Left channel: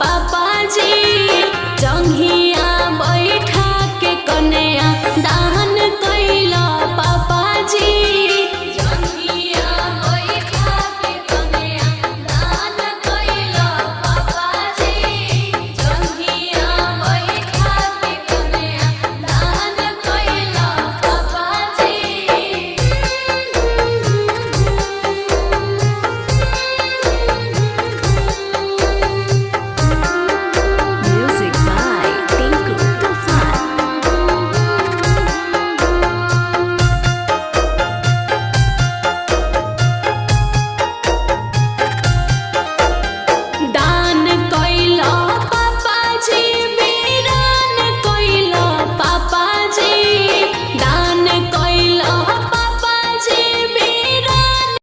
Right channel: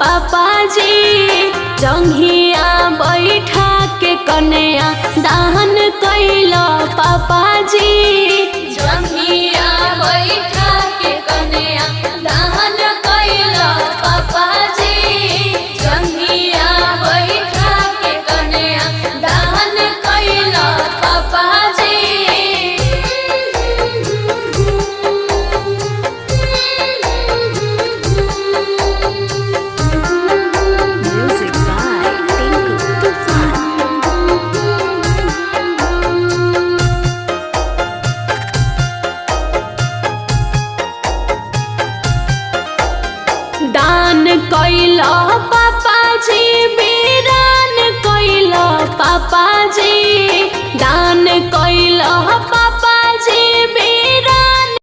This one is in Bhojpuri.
पापा जी जंघिया बैठा के कन्या दान कैला पापा जी जंघिया बैठा के कन्या दान कैला पापा जी जंघिया बैठा के कन्या दान कैला पापा जी। Music by Tinku Tufan. दान कैला पापा जी